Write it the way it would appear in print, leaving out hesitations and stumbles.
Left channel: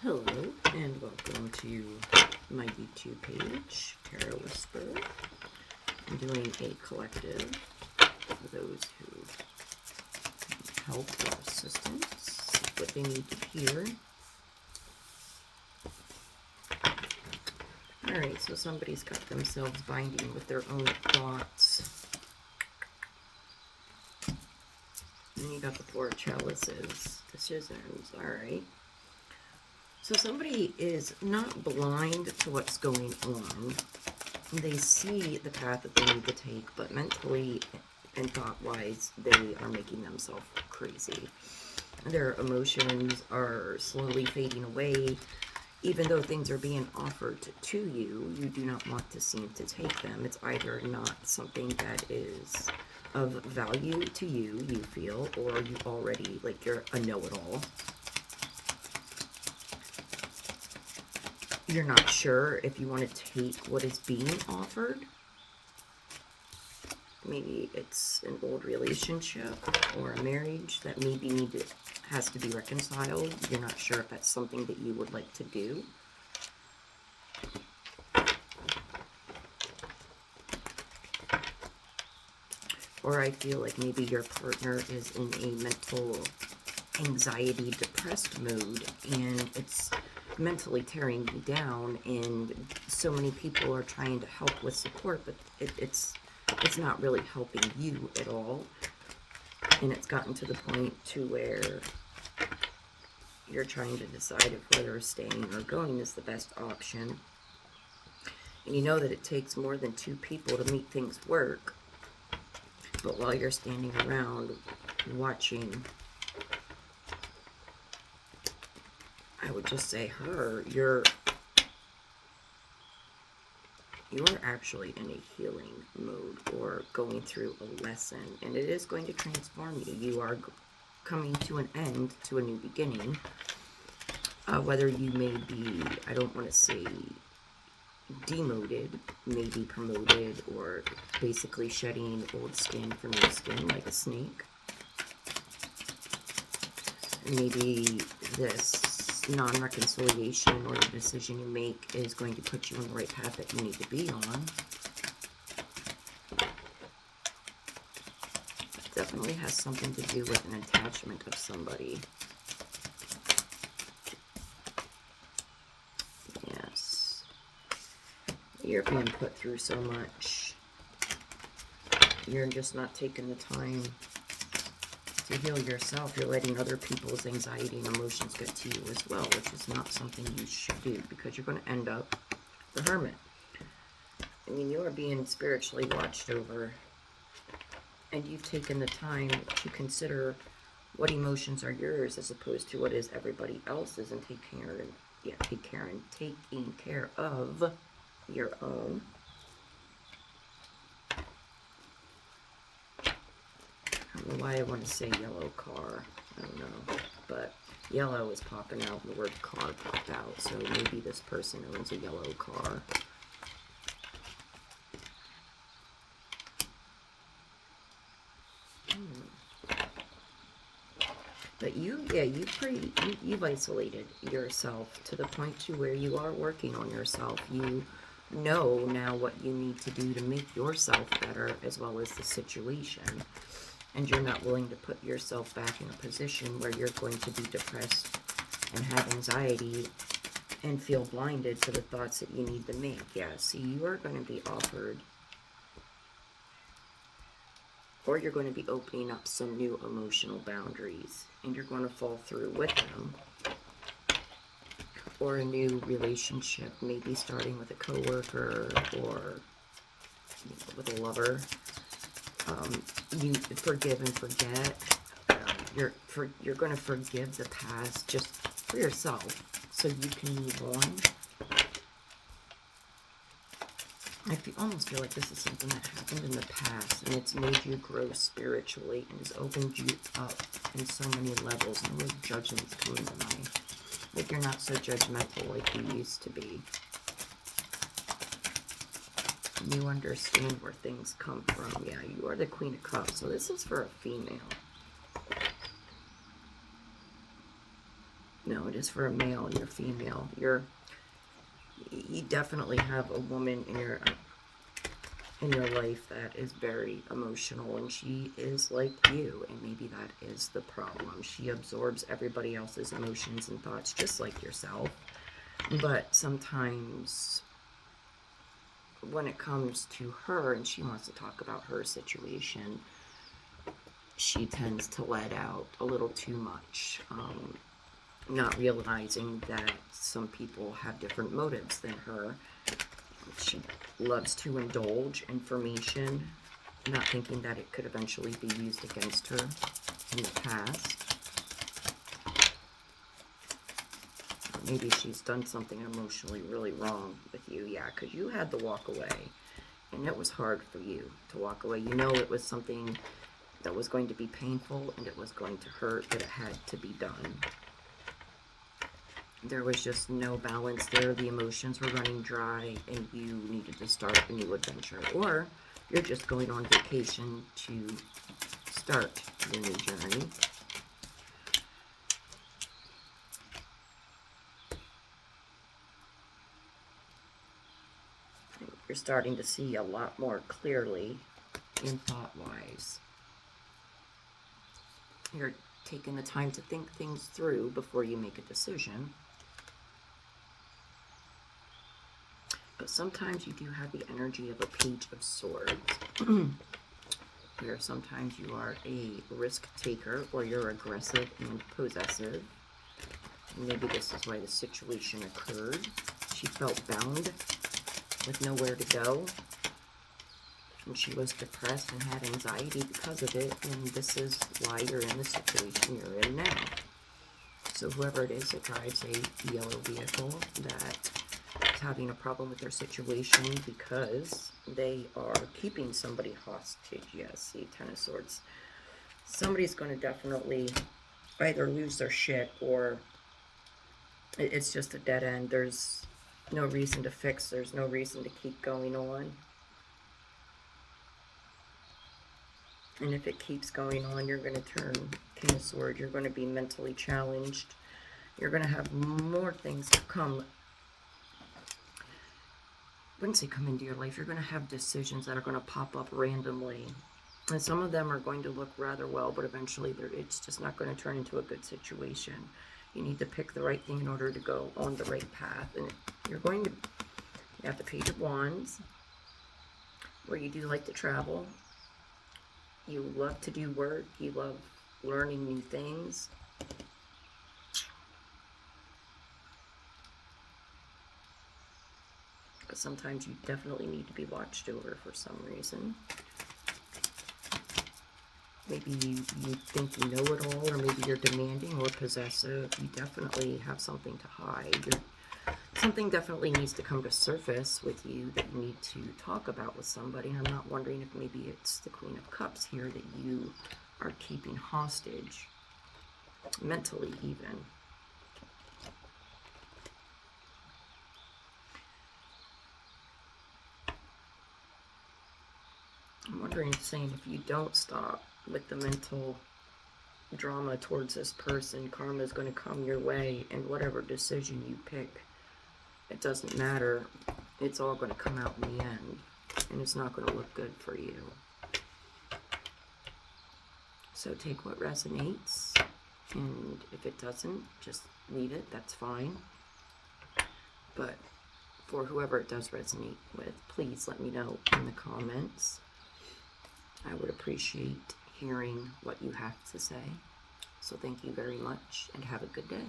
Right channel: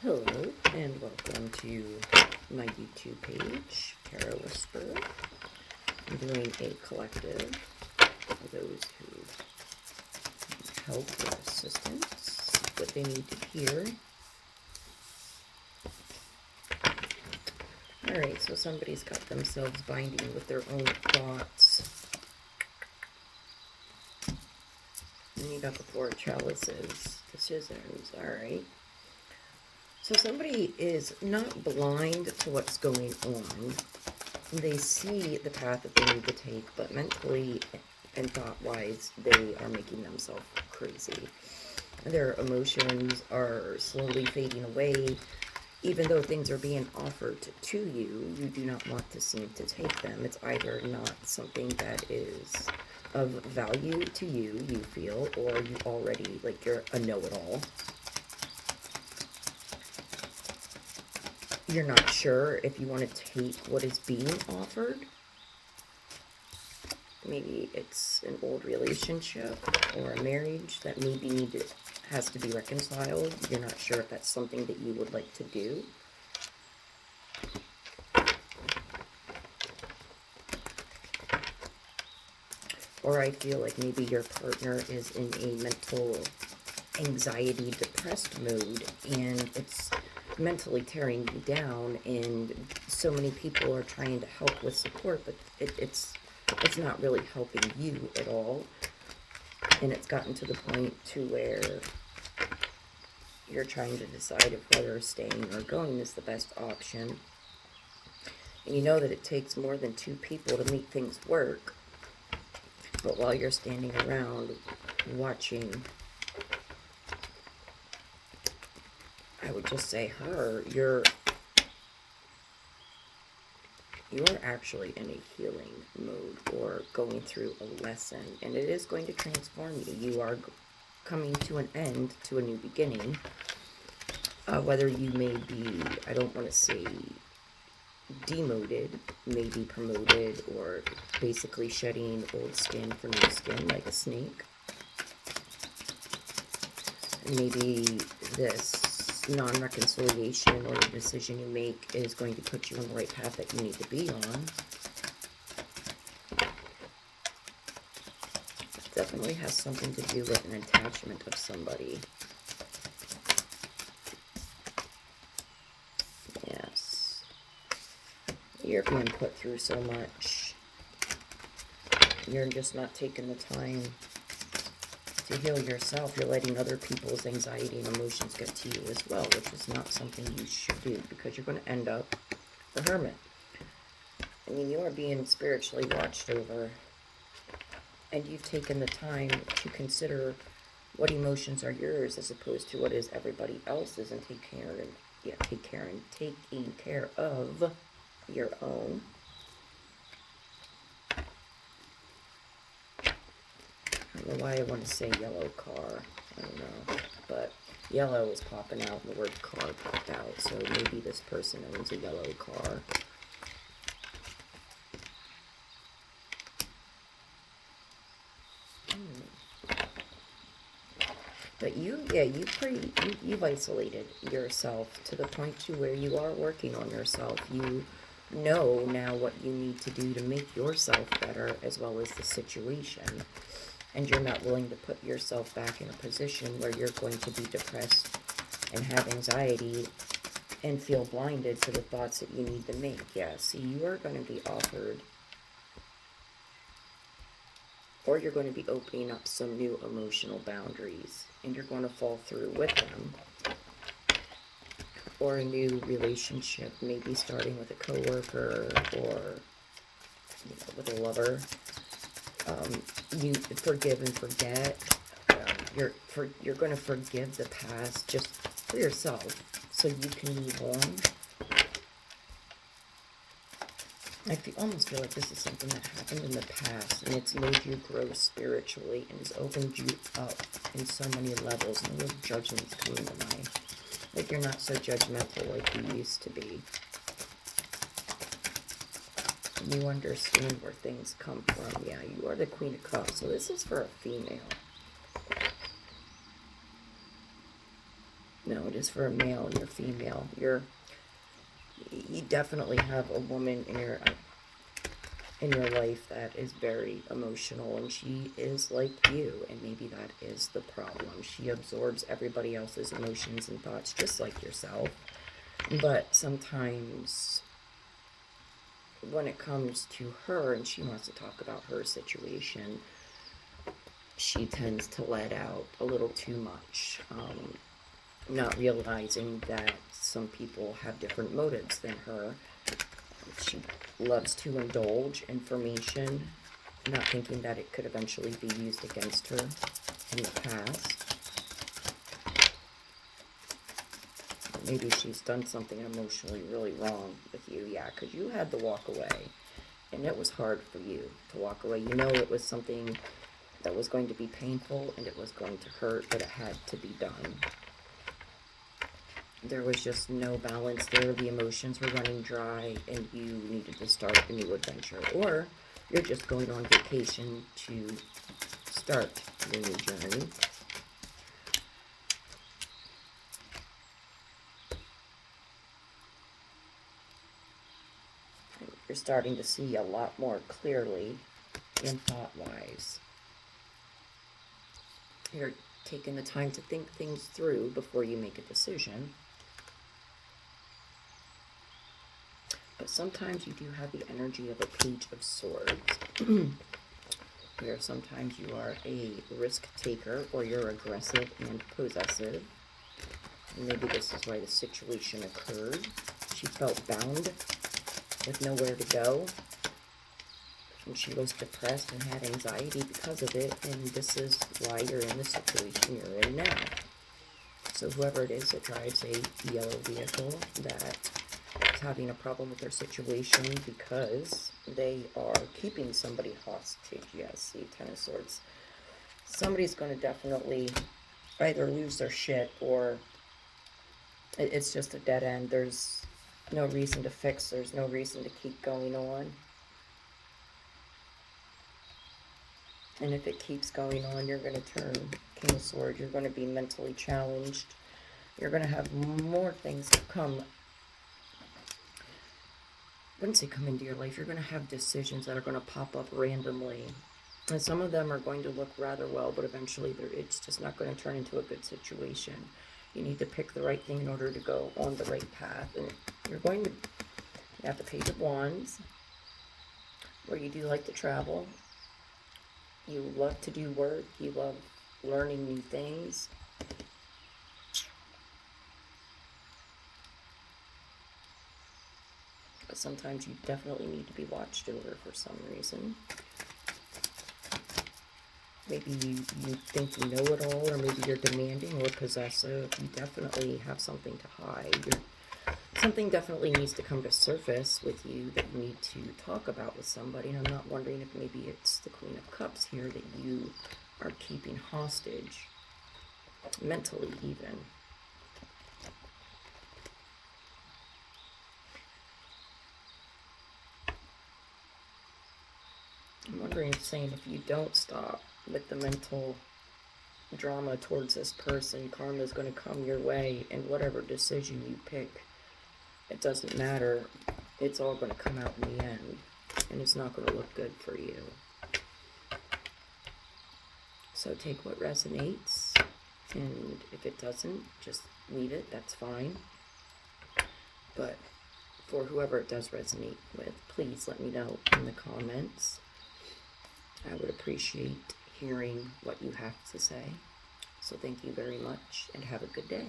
Hello, and welcome to my YouTube page, Tarot Whisper. I'm doing a collective for those who need help or assistance, what they need to hear. Alright, so somebody's got themselves binding with their own thoughts. And you got the Four of Chalices, the Scissors, alright. So somebody is not blind to what's going on. They see the path that they need to take, but mentally and thought-wise, they are making themselves crazy. Their emotions are slowly fading away. Even though things are being offered to you, you do not want to seem to take them. It's either not something that is of value to you, you feel, or you already, like, you're a know-it-all. You're not sure if you want to take what is being offered. Maybe it's an old relationship or a marriage that maybe has to be reconciled. You're not sure if that's something that you would like to do. Or I feel like maybe your partner is in a mental anxiety, depressed mode, and it's mentally tearing you down, and so many people are trying to help with support, but it's not really helping you at all. And it's gotten to the point to where you're trying to decide if whether staying or going is the best option. And you know that it takes more than two people to make things work. But while you're standing around watching, I would just say her, you're actually in a healing mode or going through a lesson, and it is going to transform you. You are coming to an end, to a new beginning. Whether you may be, I don't want to say demoted, maybe promoted, or basically shedding old skin for new skin like a snake. Maybe this non-reconciliation or the decision you make is going to put you on the right path that you need to be on. It definitely has something to do with an attachment of somebody. Yes. You're being put through so much. You're just not taking the time to heal yourself. You're letting other people's anxiety and emotions get to you as well, which is not something you should do, because you're going to end up the hermit. I mean, you are being spiritually watched over, and you've taken the time to consider what emotions are yours as opposed to what is everybody else's, and taking care of your own. I don't know why I want to say yellow car. I don't know. But yellow is popping out and the word car popped out. So maybe this person owns a yellow car. But you've isolated yourself to the point to where you are working on yourself. You know now what you need to do to make yourself better, as well as the situation. And you're not willing to put yourself back in a position where you're going to be depressed and have anxiety and feel blinded to the thoughts that you need to make. Yeah, see, you are going to be offered, or you're going to be opening up some new emotional boundaries, and you're going to fall through with them. Or a new relationship, maybe starting with a coworker or with a lover. You forgive and forget. You're going to forgive the past just for yourself, so you can move on. I almost feel like this is something that happened in the past, and it's made you grow spiritually, and has opened you up in so many levels. No real judgment's coming to mind. Like, you're not so judgmental like you used to be. You understand where things come from. Yeah, you are the Queen of Cups, so this is for a female. No, it is for a male and you're female. You definitely have a woman in your life that is very emotional, and she is like you, and maybe that is the problem. She absorbs everybody else's emotions and thoughts just like yourself, but sometimes when it comes to her and she wants to talk about her situation, she tends to let out a little too much, not realizing that some people have different motives than her. She loves to indulge information, not thinking that it could eventually be used against her in the past. Maybe she's done something emotionally really wrong with you. Yeah, because you had to walk away, and it was hard for you to walk away. You know it was something that was going to be painful, and it was going to hurt, but it had to be done. There was just no balance there. The emotions were running dry, and you needed to start a new adventure. Or you're just going on vacation to start your new journey. You're starting to see a lot more clearly in thought-wise. You're taking the time to think things through before you make a decision. But sometimes you do have the energy of a Page of Swords, where sometimes you are a risk taker or you're aggressive and possessive. And maybe this is why the situation occurred. She felt bound with nowhere to go, and she was depressed and had anxiety because of it, and this is why you're in the situation you're in now. So whoever it is that drives a yellow vehicle that is having a problem with their situation because they are keeping somebody hostage. Yes, see, Ten of Swords. Somebody's going to definitely either lose their shit or it's just a dead end. There's no reason to fix. There's no reason to keep going on. And if it keeps going on, you're going to turn King of Swords. You're going to be mentally challenged. You're going to have more things come. Once they come into your life, you're going to have decisions that are going to pop up randomly. And some of them are going to look rather well, but eventually it's just not going to turn into a good situation. You need to pick the right thing in order to go on the right path. And you're going to have the Page of Wands, where you do like to travel. You love to do work. You love learning new things. But sometimes you definitely need to be watched over for some reason. Maybe you think you know it all, or maybe you're demanding or possessive. You definitely have something to hide. Something definitely needs to come to surface with you that you need to talk about with somebody. And I'm not wondering if maybe it's the Queen of Cups here that you are keeping hostage, mentally even. I'm wondering, saying if you don't stop with the mental drama towards this person, karma is going to come your way, and whatever decision you pick, it doesn't matter. It's all going to come out in the end, and it's not going to look good for you. So take what resonates, and if it doesn't, just leave it. That's fine. But for whoever it does resonate with, please let me know in the comments. I would appreciate hearing what you have to say. So thank you very much, and have a good day.